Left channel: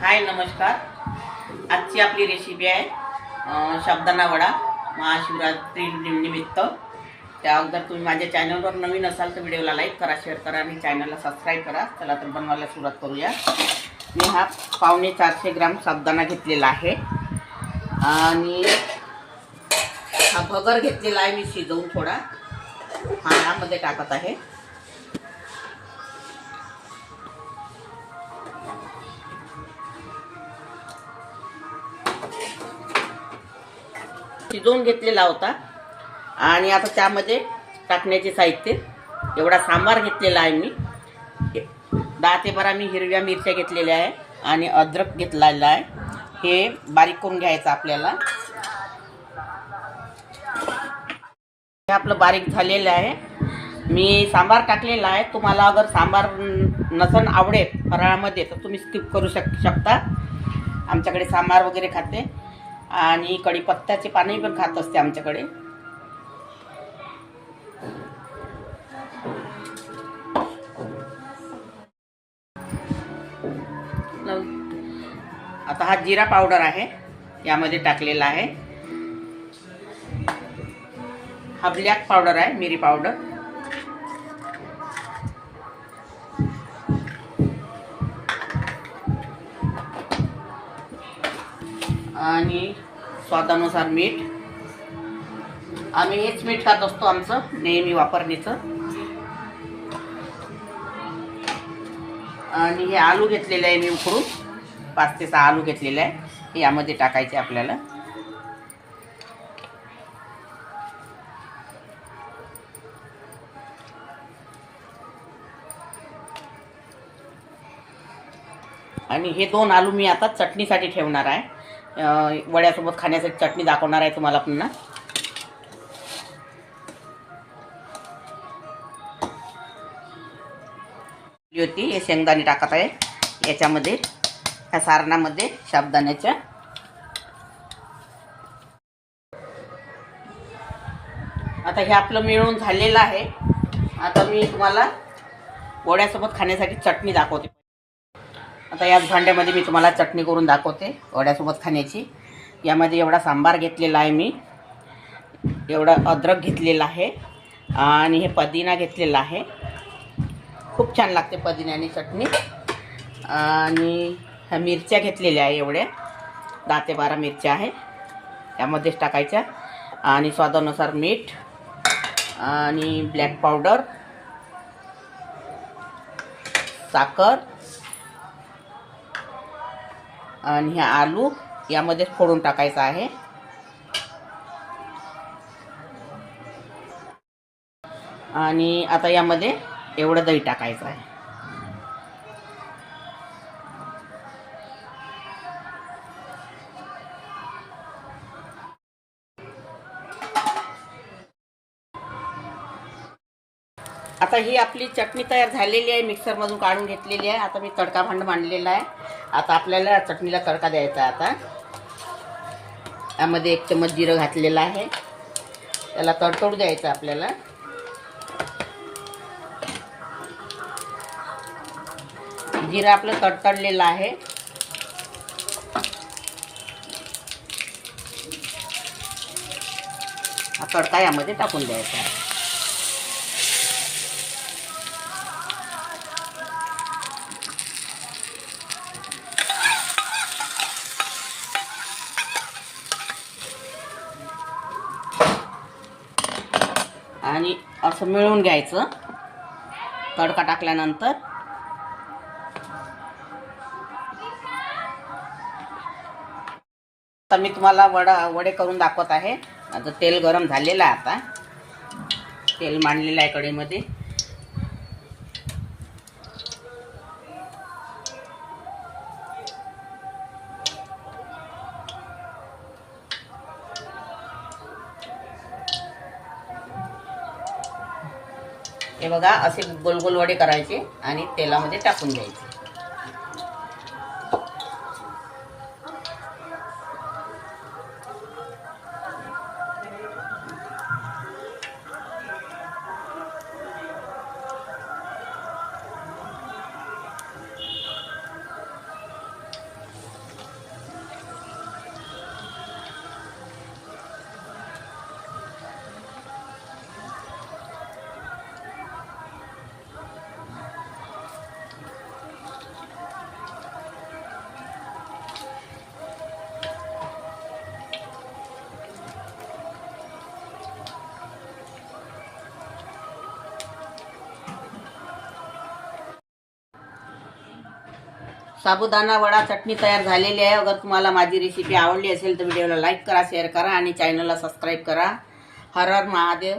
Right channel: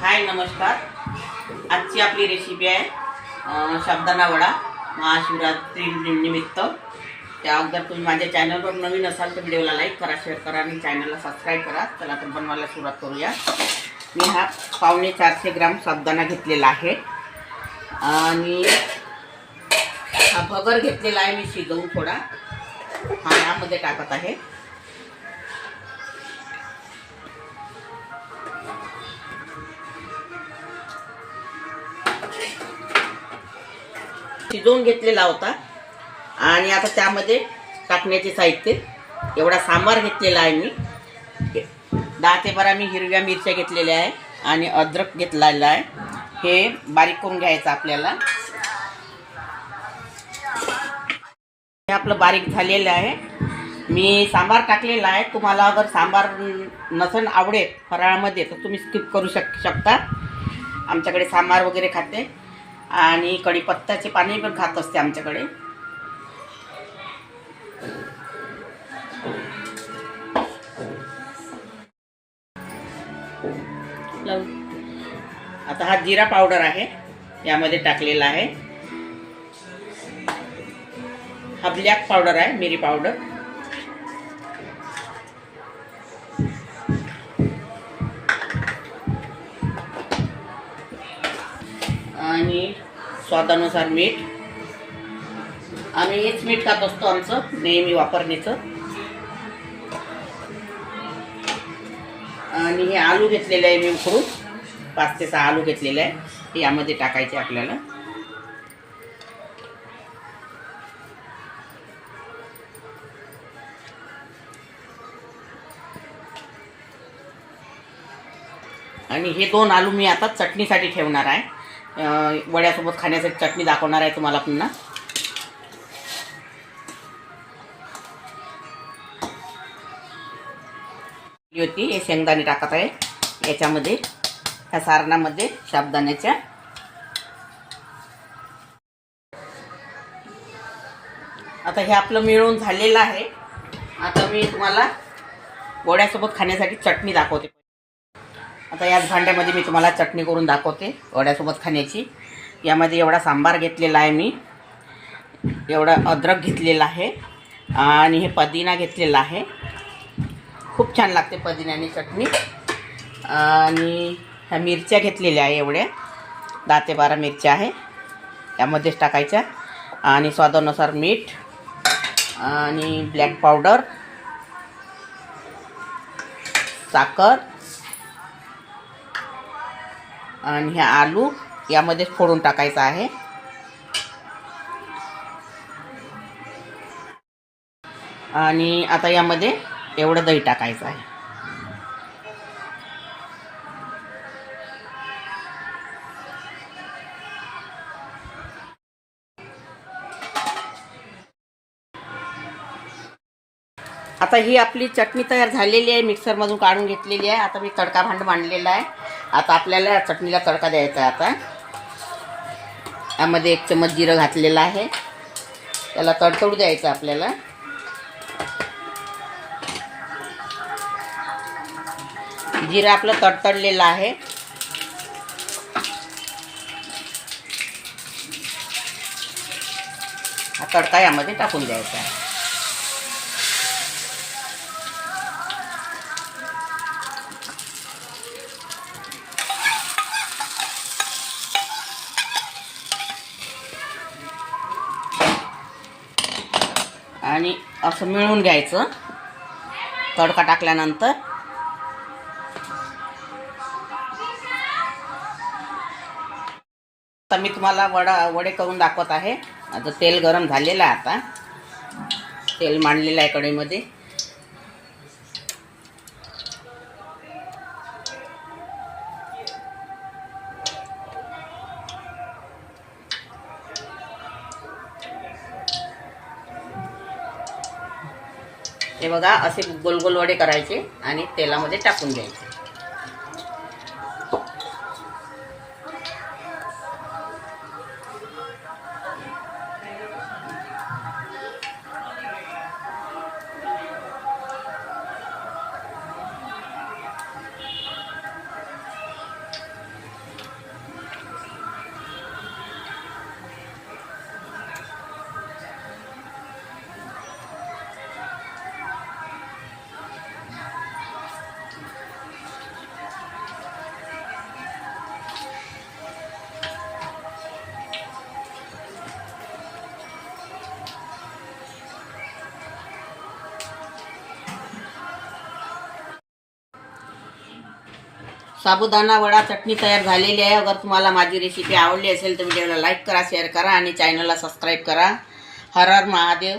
हाय नमस्कार. आजची आपली रेसिपी आहे साबुदाणा वडा महाशिवरात्री निमित्त. त्या अगोदर तुम्ही माझ्या चॅनलवर नवीन असाल तर व्हिडिओला लाईक करा, शेअर करा आणि चॅनलला सबस्क्राईब करा. चला तर बनवायला सुरुवात करूया. मी हा 450 ग्राम साबुदाणा घेतलेला आहे आणि हा भगर घेतलेला आहे मी शिजवून थोडा. हा यामध्ये टाकत आहे. शिजवून घेतलेला होता आणि आता त्यामध्ये टाकण्याचे साहित्य एवढा सांबार घेतलेला आहे मी. 10 ते 12 मी हिरव्या मिरच्या घेतलेल्या आहे आणि अद्रक घेतलेला आहे. हे बारीक करून घ्यायचं आपल्याला. हे आपलं बारीक झालेलं आहे. मी सांबार टाकलेला आहे. तुम्हाला अगर सांबार नसन आवडेल फराळामध्ये तर तुम्ही स्किप करू शकता. आमच्याकडे सांबार वगैरे खाते आणि कढीपत्त्याचे पाणी पण खात असते आमच्याकडे. आता हा जिरा पावडर आहे यामध्ये टाकलेला आहे. हा ब्लॅक पावडर आहे, मिरी पावडर. आणि स्वादानुसार मीठ. आम्ही हेच मीठ खात असतो आमचं नेहमी वापरणीचं. आणि हे आलू घेतलेले आहे मी उकडून. 5 ते 6 आलू घेतलेले आहे. हे यामध्ये टाकायचे आपल्याला. आणि हे 2 आलू मी आता चटणीसाठी ठेवणार आहे. वड्यासोबत खाण्यासाठी चटणी दाखवणार आहे तुम्हाला पुन्हा. होती हे शेंगदाणे टाकत आहे याच्यामध्ये, ह्या सारणामध्ये साबुदाण्याच्या. आता हे आपलं मिळून झालेलं आहे. आता मी तुम्हाला वड्यासोबत खाण्यासाठी चटणी दाखवते. आता याच भांड्यामध्ये मी तुम्हाला चटणी करून दाखवते वड्यासोबत खाण्याची. यामध्ये एवढा सांबार घेतलेला आहे मी, एवढा अद्रक घेतलेला आहे आणि हे पुदिना घेतलेला आहे. खूप छान लागते पुदिन्याने चटणी. आणि ह्या मिरच्या घेतलेल्या आहे एवढ्या 10 ते 12 मिरच्या आहे यामध्येच टाकायच्या. आणि स्वादानुसार मीठ आणि ब्लॅक पावडर, साखर आणि हे आलू यामध्येच फोडून टाकायचं आहे. आणि आता यामध्ये एवढं दही टाकायचं आहे. आता ही आपली चटणी तयार झालेली आहे, मिक्सरमधून काढून घेतलेली आहे. आता मी तडका भांड मांडलेला आहे. आता आपल्याला या चटणीला तडका द्यायचा आहे. आता यामध्ये 1 चम्मच जिरं घातलेलं आहे. त्याला तडतडू द्यायचं आपल्याला. जिरं आपलं तडतडलेलं आहे. हा तडका यामध्ये टाकून द्यायचा आहे. आणि असं मिळून घ्यायचं तडका टाकल्यानंतर. आता मी तुम्हाला वडे करून दाखवत आहे. आता तेल गरम झालेलं आहे. आता तेल मांडलेलं आहे कढईमध्ये. हे बघा असे गोल गोल वडे करायचे आणि तेलामध्ये टाकून द्यायचे. साबुदाणा वडा चटणी तयार झालेली आहे. अगर तुम्हाला माझी रेसिपी आवडली असेल तर व्हिडिओला लाईक करा, शेअर करा आणि चॅनलला सबस्क्राईब करा. हर हर महादेव.